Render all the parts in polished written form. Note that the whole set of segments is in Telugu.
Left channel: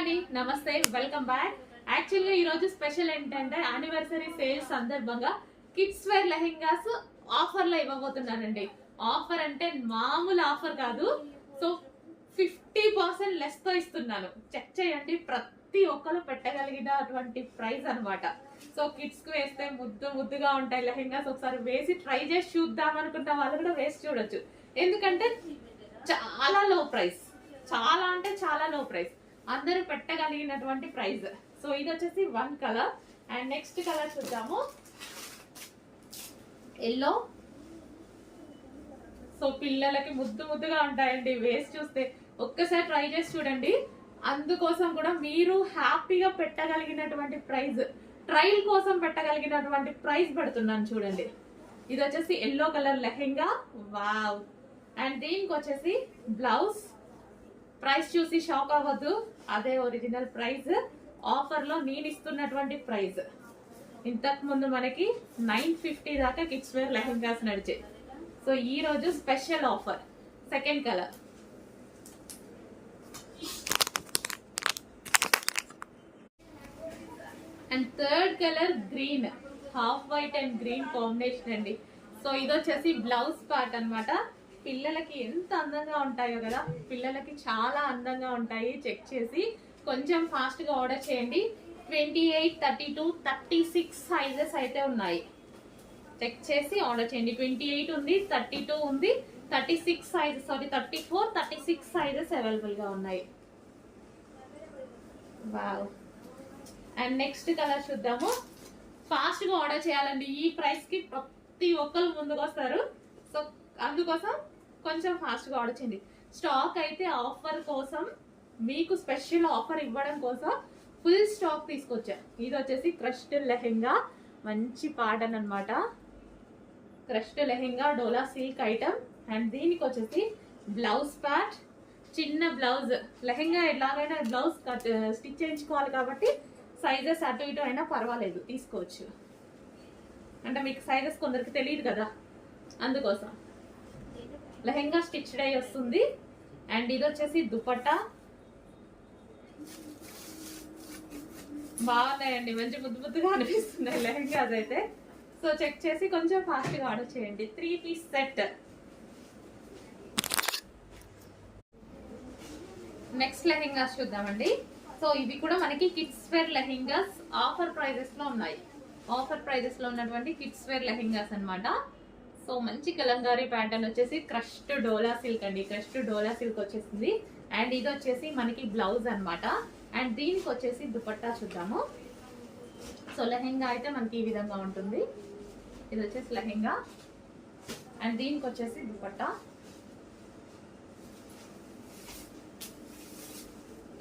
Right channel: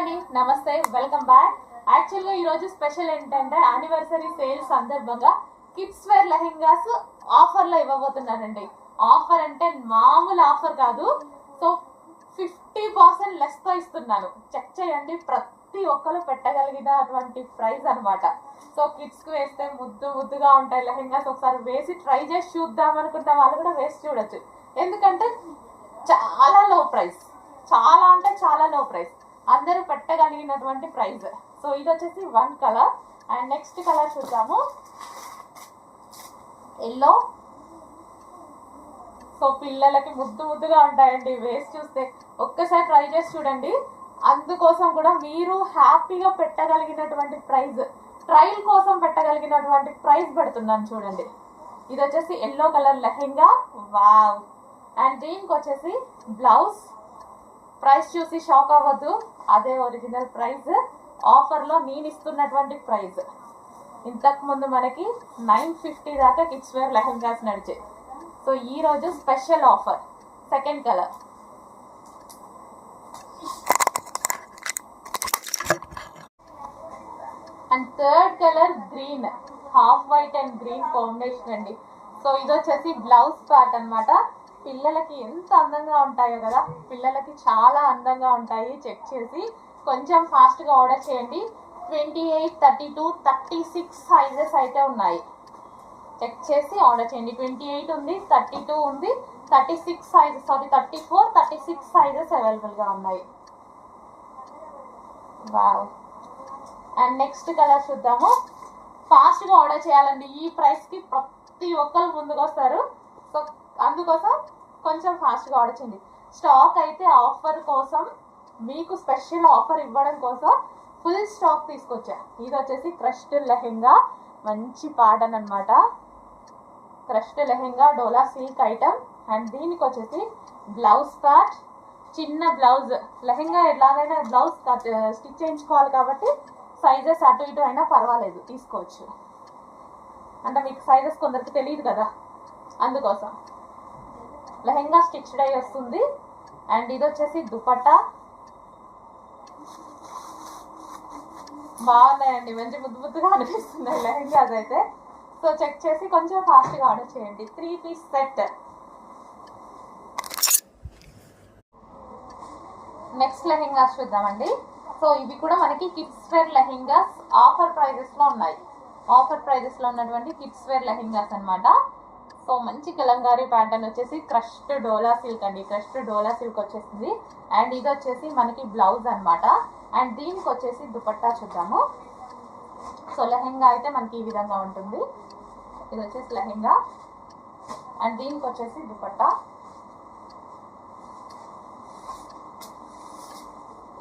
అండి, నమస్తే, వెల్కమ్ బ్యాక్. యాక్చువల్గా ఈరోజు స్పెషల్ ఏంటంటే యానివర్సరీ సేల్ సందర్భంగా కిడ్స్ వేర్ లెహెంగాస్ ఆఫర్లో ఇవ్వబోతున్నానండి. ఆఫర్ అంటే మామూలు ఆఫర్ కాదు. సో 50% లెస్తో ఇస్తున్నాను. చెక్ చేయండి, ప్రతి ఒక్కరు పెట్టగలిగినటువంటి ప్రైస్ అనమాట. సో కిడ్స్కి వేస్తే ముద్దుగా ఉంటాయి లెహెంగాస్. ఒకసారి వేసి ట్రై చేసి చూద్దాం అనుకున్న వాళ్ళు కూడా వేసి చూడొచ్చు. ఎందుకంటే చాలా లో ప్రైస్, చాలా అంటే చాలా లో ప్రైస్, అందరూ పెట్టగలిగినటువంటి ప్రైస్. సో ఇది వచ్చేసి one colour. And next colour చూద్దాము, ఎల్లో. సో పిల్లలకి ముద్దుగా ఉంటాయండి, వేసి చూస్తే ఒక్కసారి ట్రై చేసి చూడండి. అందుకోసం కూడా మీరు హ్యాపీగా పెట్టగలిగినటువంటి ప్రైస్, ట్రయల్ కోసం పెట్టగలిగినటువంటి ప్రైస్ పెడుతున్నాను చూడండి. ఇది వచ్చేసి yellow colour lehenga, wow. And దీనికి వచ్చేసి బ్లౌజ్. ప్రైస్ చూసి షాక్ అవ్వద్దు, అదే ఒరిజినల్ ప్రైస్. ఆఫర్లో నేను ఇస్తున్నటువంటి ప్రైస్. ఇంతకు ముందు మనకి 950 దాకా కిడ్స్ వేర్ లెహెంగాస్ నడిచాయి. సో ఈరోజు special offer. Second colour, and third colour green, half white and green combination అండి. సో ఇది వచ్చేసి బ్లౌజ్ పార్ట్ అనమాట. పిల్లలకి ఎంత అందంగా ఉంటాయో కదా, పిల్లలకి చాలా అందంగా ఉంటాయి. చెక్ చేసి కొంచెం ఫాస్ట్గా ఆర్డర్ చేయండి. 28, 32, 36 సైజెస్ అయితే ఉన్నాయి. చెక్ చేసి ఆర్డర్ చేయండి. 28 ఉంది, 32 ఉంది, 36 సైజెస్, 34, 36 సైజెస్ అవైలబుల్గా ఉన్నాయి. వావ్. అండ్ నెక్స్ట్ కలర్ చూద్దాము. ఫాస్ట్గా ఆర్డర్ చేయాలండి, ఈ ప్రైస్కి ప్రతి ఒక్కరు ముందుకు వస్తారు. సో అందుకోసం కొంచెం ఫాస్ట్గా ఆర్డర్ చేయండి. స్టాక్ అయితే ఆఫర్ కోసం, మీకు స్పెషల్ ఆఫర్ ఇవ్వడం కోసం ఫుల్ స్టాక్ తీసుకొచ్చా. ఇది వచ్చేసి క్రష్డ్ లెహెంగా, మంచి ప్యాటర్న్ అనమాట. Crushed lehenga, dola silk item. And దీనికి వచ్చేసి బ్లౌజ్ ప్యాట్, చిన్న బ్లౌజ్. లెహెంగా ఎలాగైనా బ్లౌజ్ స్టిచ్ చేయించుకోవాలి కాబట్టి సైజెస్ అటు ఇటు అయినా పర్వాలేదు, తీసుకోవచ్చు. అంటే మీకు సైజెస్ కొందరికి తెలియదు కదా, అందుకోసం. లెహెంగా స్టిచ్డ్ అయ్యి వస్తుంది. అండ్ ఇది వచ్చేసి దుపట్టా. బాగున్నాయండి, మంచి ముద్దుగా అనిపిస్తున్నాయి లెహెంగాస్ అయితే. సో చెక్ చేసి కొంచెం ఫాస్ట్గా ఆర్డర్ చేయండి. 3 పీస్ సెట్. నెక్స్ట్ లెహెంగాస్ చూద్దామండి. సో ఇవి కూడా మనకి కిడ్స్ వేర్ లెహెంగాస్ ఆఫర్ ప్రైజెస్లో ఉన్నాయి. ఆఫర్ ప్రైజెస్లో ఉన్నటువంటి కిడ్స్ వేర్ లెహెంగాస్ అనమాట. సో మంచి కలంకారీ ప్యాటర్న్ వచ్చేసి క్రష్డ్ డోలా సిల్క్ అండి. క్రష్డ్ డోలా సిల్క్ వచ్చేసింది. అండ్ ఇది వచ్చేసి మనకి బ్లౌజ్ అనమాట. అండ్ దీనికి వచ్చేసి దుపట్టా చూద్దాము. సో లెహెంగా అయితే మనకి ఈ విధంగా ఉంటుంది. ఇది వచ్చేసి లెహెంగా. అండ్ దీనికి వచ్చేసి దుపట్టా.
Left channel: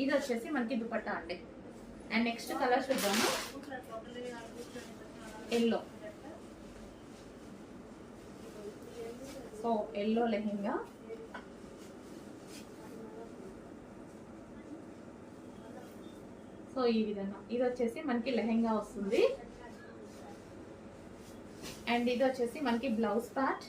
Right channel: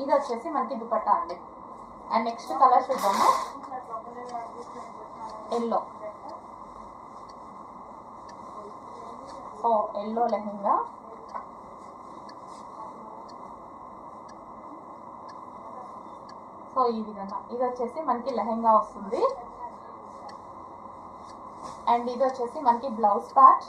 ఇది వచ్చేసి మనకి దుపట్టా అండి. అండ్ నెక్స్ట్ కలర్ చూద్దాము, yellow. So yellow lehenga. So ఈ విధంగా ఇది వచ్చేసి మనకి లెహెంగా వస్తుంది. అండ్ ఇది వచ్చేసి మనకి బ్లౌజ్ పార్ట్.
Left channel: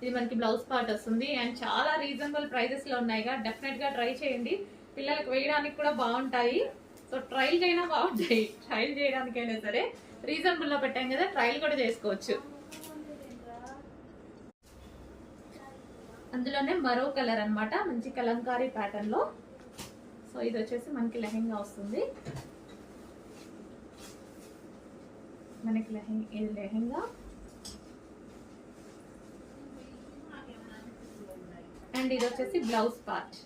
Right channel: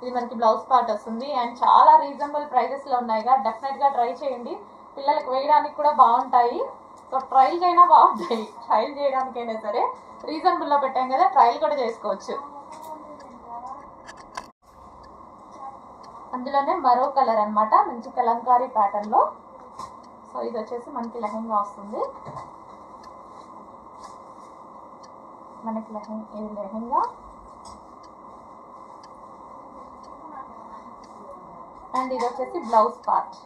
ఇది మనకి బ్లౌజ్ పార్ట్ వస్తుంది. అండ్ చాలా రీజనబుల్ ప్రైజెస్లో ఉన్నాయిగా, డెఫినెట్గా ట్రై చేయండి. పిల్లలకు వేయడానికి కూడా బాగుంటాయి. సో ట్రయల్ అయినా బాగుంటాయి, ట్రయల్ చేయడానికైనా సరే రీజనబుల్లో పెట్టాం కదా, ట్రయల్ కూడా చేసుకోవచ్చు. అందులోనే మరో కలర్ అనమాట, మంచి కలంకారీ ప్యాటర్న్లో. సో ఇది వచ్చేసి మనకి లెహెంగా వస్తుంది. మనకి ఇది లెహెంగా. అండ్ ఇది వచ్చేసి బ్లౌజ్ పార్ట్,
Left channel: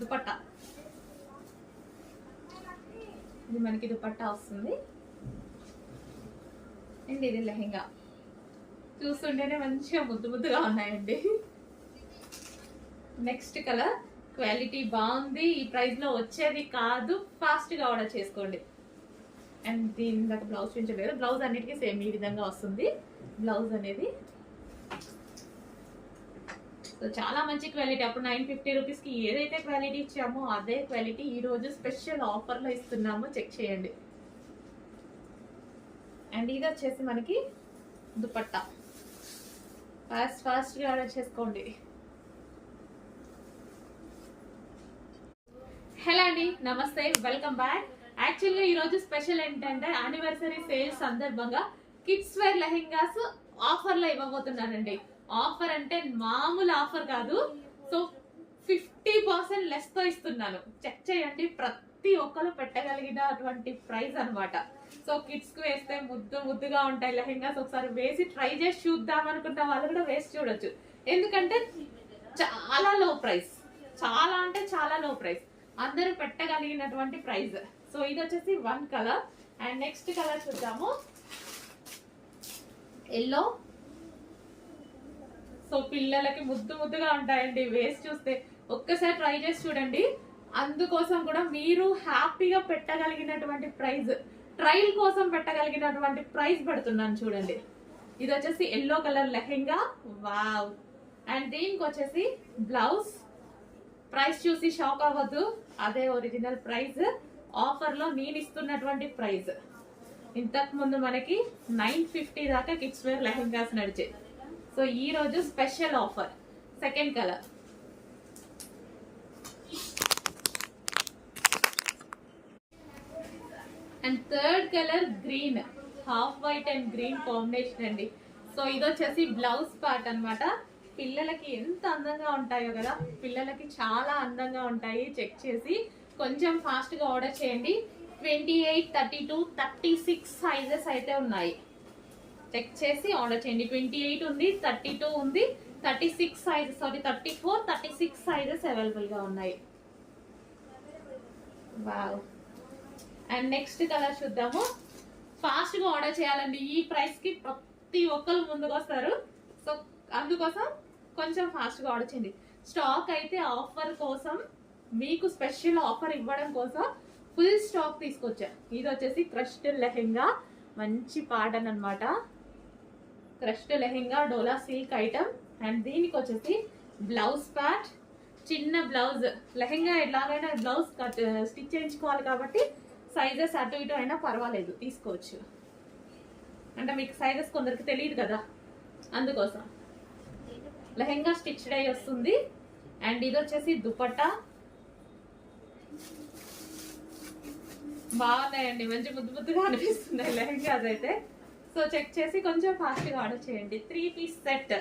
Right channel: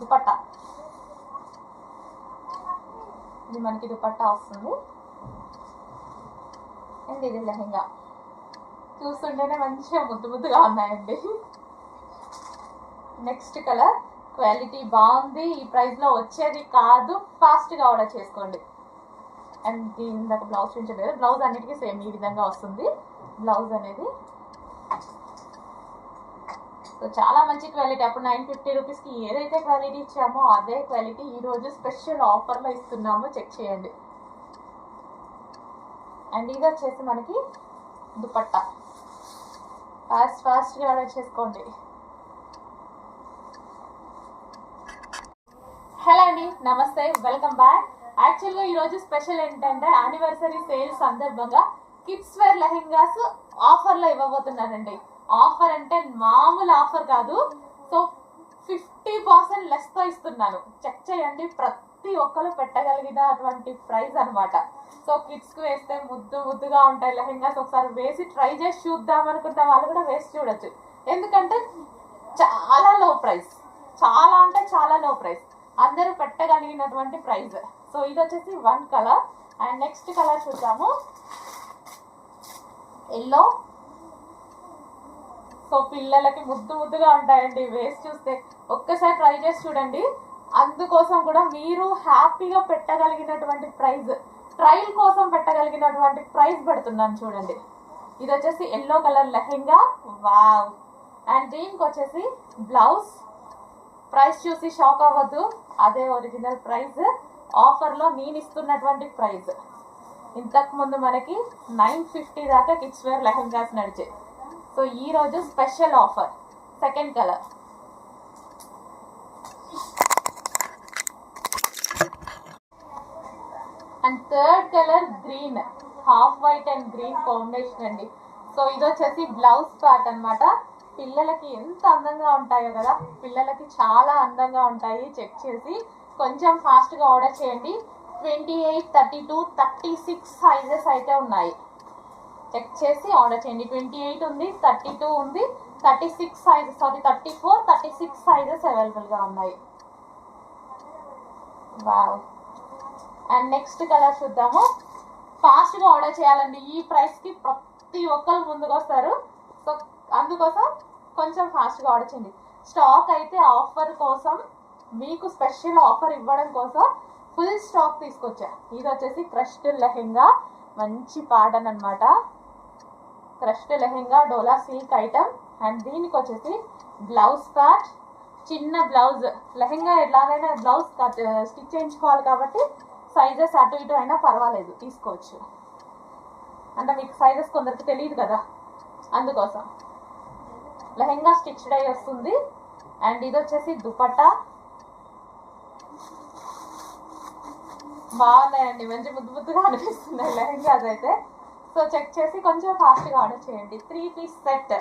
దుపట్టా. ఇది మనకి దుపట్టా వస్తుంది. అండ్ ఇది లెహెంగా. చూస్తుంటేనే మంచిగా ముద్దుగా ఉన్నాయండి. నెక్స్ట్ కలర్, క్వాలిటీ బాగుంది, ఈ ప్రైస్లో వచ్చేది కాదు, ఫాస్ట్గా ఆర్డర్ చేసుకోండి. అండ్ దీని దాకా బ్లౌజ్ చూపించలేదు. బ్లౌజ్ అన్నిటికీ సేమ్ ఈ విధంగా వస్తుంది బ్లౌజ్ అనేది. సో చాలా మంచి క్వాలిటీ. అప్పుడు 950 రూపీస్కి ఏదైతే క్వాలిటీ ఇచ్చామో అదే క్వాలిటీ ఈరోజు స్పెషల్ ఆఫర్లో ఇస్తున్నాము, చెక్ చేయండి. అండ్ ఇది వచ్చేసి మనకి దుపట్టా. ఫాస్ట్గా ఆర్డర్ చేసుకోండి. హలో అండి, అండి, నమస్తే, వెల్కమ్ బ్యాక్. యాక్చువల్గా ఈరోజు స్పెషల్ ఏంటంటే యానివర్సరీ సేల్ సందర్భంగా కిడ్స్ వేర్ లెహెంగాస్ ఆఫర్లో ఇవ్వబోతున్నానండి. ఆఫర్ అంటే మామూలు ఆఫర్ కాదు. సో 50% లెస్తో ఇస్తున్నాను. చెక్ చేయండి, ప్రతి ఒక్కరు పెట్టగలిగినటువంటి ప్రైస్ అనమాట. సో కిడ్స్కి వేస్తే ముద్దుగా ఉంటాయి లెహెంగాస్. ఒకసారి వేసి ట్రై చేసి చూద్దాం అనుకుంటే వాళ్ళు కూడా వేసి చూడొచ్చు. ఎందుకంటే చాలా లో ప్రైస్, చాలా అంటే చాలా లో ప్రైస్, అందరూ పెట్టగలిగినటువంటి ప్రైస్. సో ఇది వచ్చేసి one colour. And next colour చూద్దాము, ఎల్లో. సో పిల్లలకి ముద్దుగా ఉంటాయండి, వేసి చూస్తే ఒక్కసారి ట్రై చేసి చూడండి. అందుకోసం కూడా మీరు హ్యాపీగా పెట్టగలిగినటువంటి ప్రైస్, ట్రయల్ కోసం పెట్టగలిగినటువంటి ప్రైస్ పెడుతున్నాను చూడండి. ఇది వచ్చేసి yellow colour lehenga, wow. And దీనికి వచ్చేసి బ్లౌజ్. ప్రైస్ చూసి షాక్ అవ్వద్దు, అదే ఒరిజినల్ ప్రైస్, ఆఫర్లో నేను ఇస్తున్నటువంటి ప్రైస్. ఇంతకు ముందు మనకి 950 దాకా కిడ్స్ వేర్ లెహెంగాస్ నడిచాయి. సో ఈరోజు special offer. Second colour, and third colour green, half white and green combination అండి. సో ఇది వచ్చేసి బ్లౌజ్ పార్ట్ అనమాట. పిల్లలకి ఎంత అందంగా ఉంటాయో కదా, పిల్లలకి చాలా అందంగా ఉంటాయి. చెక్ చేసి కొంచెం ఫాస్ట్గా ఆర్డర్ చేయండి. 28, 32, 36 సైజెస్ అయితే ఉన్నాయి. చెక్ చేసి ఆర్డర్ చేయండి. 28 ఉంది, 32 ఉంది, 36 సైజ్, 34, 36 సైజెస్ అవైలబుల్గా ఉన్నాయి. వావ్. అండ్ నెక్స్ట్ కలర్ చూద్దాము. ఫాస్ట్గా ఆర్డర్ చేయాలండి, ఈ ప్రైస్కి ప్రతి ఒక్కరు ముందుకు వస్తారు. సో అందుకోసం కొంచెం ఫాస్ట్గా ఆర్డర్ చేయండి. స్టాక్ అయితే ఆఫర్ కోసం, మీకు స్పెషల్ ఆఫర్ ఇవ్వడం కోసం ఫుల్ స్టాక్ తీసుకొచ్చా. ఇది వచ్చేసి క్రష్డ్ లెహెంగా, మంచి ప్యాటర్న్ అనమాట. Crushed lehenga, dola silk item. And దీనికి వచ్చేసి బ్లౌజ్ ప్యాట్, చిన్న బ్లౌజ్. లెహెంగా ఎలాగైనా బ్లౌజ్ స్టిచ్ చేయించుకోవాలి కాబట్టి సైజెస్ అటు ఇటు అయినా పర్వాలేదు, తీసుకోవచ్చు. అంటే మీకు సైజెస్ కొందరికి తెలియదు కదా, అందుకోసం. లెహెంగా స్టిచ్డ్ అయ్యి వస్తుంది. అండ్ ఇది వచ్చేసి దుపట్టా. బాగున్నాయండి, మంచి ముద్దుగా అనిపిస్తున్నాయి లెహెంగాస్ అయితే. సో చెక్ చేసి కొంచెం ఫాస్ట్గా ఆర్డర్ చేయండి. 3 పీస్ సెట్.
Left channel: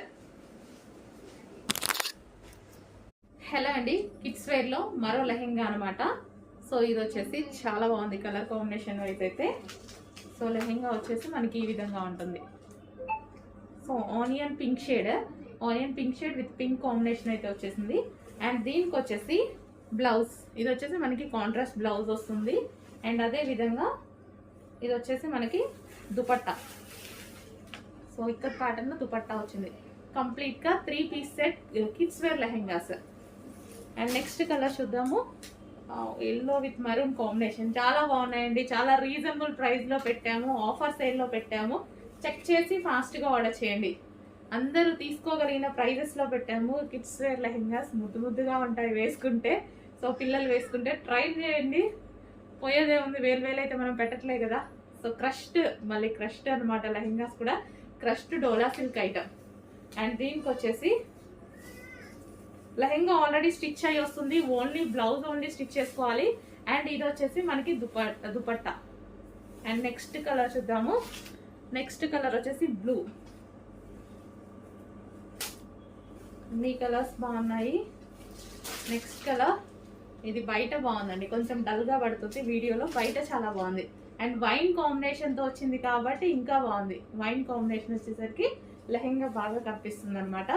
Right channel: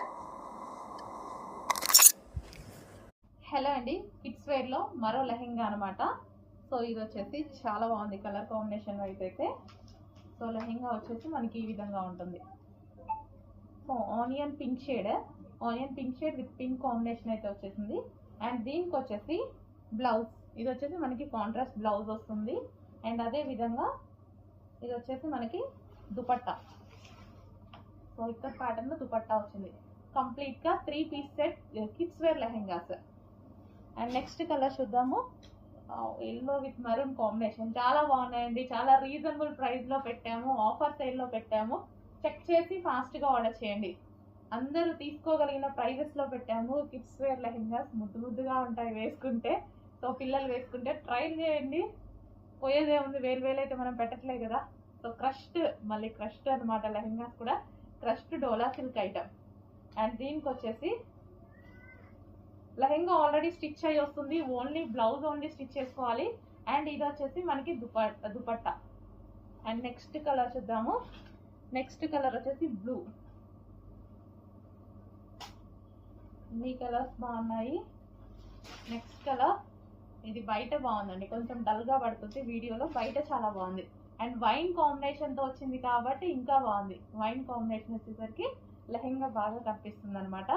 హలో అండి, కిడ్స్ వేర్లో మరో లెహెంగా అనమాట. సో ఇది వచ్చేసి చాలా బాగుంది కలర్ కాంబినేషన్ వైజ్ అయితే. సో లెహెంగా వచ్చేసి మనకి ఈ విధంగా ఉంటుంది. So onion pink shade with pink combination అయితే వచ్చేసింది. అండ్ దీనికి వచ్చేసి బ్లౌజ్, ఇది వచ్చేసి మనకి కాంట్రాస్ట్ బ్లౌజ్ వస్తుంది. అండ్ అదే విధంగా ఇది వచ్చేసి మనకి దుపట్టా. సో ఇక్కడ ప్యాటర్న్ దుపట్టా వచ్చింది. కంప్లీట్గా 3 piece set kids wear lehengas. And next colour చూద్దాము, ఎల్లో విత్ మరూన్ కాంబినేషన్. చాలా బాగున్నాయండి, చాలా రీజనబుల్ ప్రైస్లో పెట్టాము, ఆఫర్ సేల్లో పెట్టాము. చెక్ చేసి ఫాస్ట్గా ఆర్డర్ చేయండి. అందరూ తీసుకోగలిగిన ప్రైజెస్లో పెట్టాము. కిడ్స్ వేర్ లెహెంగాస్ ముద్దుగా ఉంటాయి వేసుకుంటే. సో పిల్లలు వేసుకుంటే ట్రై చేయండి, పోయేదే ఉంది. వేలు అయితే మనం పెట్టట్లేదు కదా. సో క్రష్డ్ అనమాట లెహెంగాస్ కూడా. Crushed dola silk item. And దీనికి వచ్చేసి లెహెంగా ఆల్రెడీ స్టిచ్ అయ్యి వస్తుంది, ఓన్లీ బ్లౌజ్ ఓన్లీ స్టిచ్ చేసుకోవాలి. అండ్ ఇది వచ్చేసి మనకి దుపట్టా. అండ్ నెక్స్ట్ కలర్ చూద్దాము. నెక్స్ట్ కలర్ వచ్చేసి బ్లూ. అన్ని కలర్స్ బాగున్నాయి. నెక్స్ట్ కలర్ ఇది బయట బాగుందండి, కొంచెం డల్గా పడుతుంది వీడియోలో, బయట చాలా బాగుంది. అండ్ వైన్ కాంబినేషన్తో వచ్చింది కాబట్టి ఇంకా బాగుంది. వైన్ కాంబినేషన్ వచ్చేసరికి లెహెంగా బాగా కనిపిస్తుంది అనమాట.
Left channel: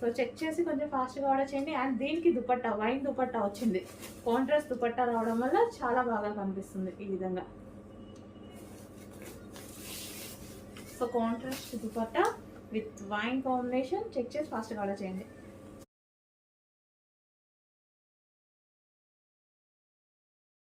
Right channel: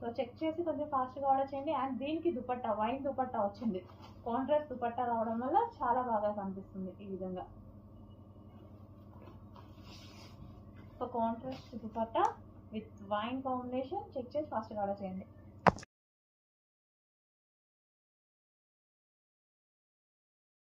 సో చెక్ చేసి కొంచెం ఫాస్ట్గా ఆర్డర్ చేయండి. అండ్ దీనికి దుపట్టా, వైన్ దుపట్టా వచ్చింది. కాంట్రాస్ట్ దుపట్టా రావడం వల్ల చాలా బాగా కనిపిస్తుంది ఈ విధంగా. So contrast dupatta with wine combination. Check చేసి ఫాస్ట్గా ఆర్డర్ చేయండి.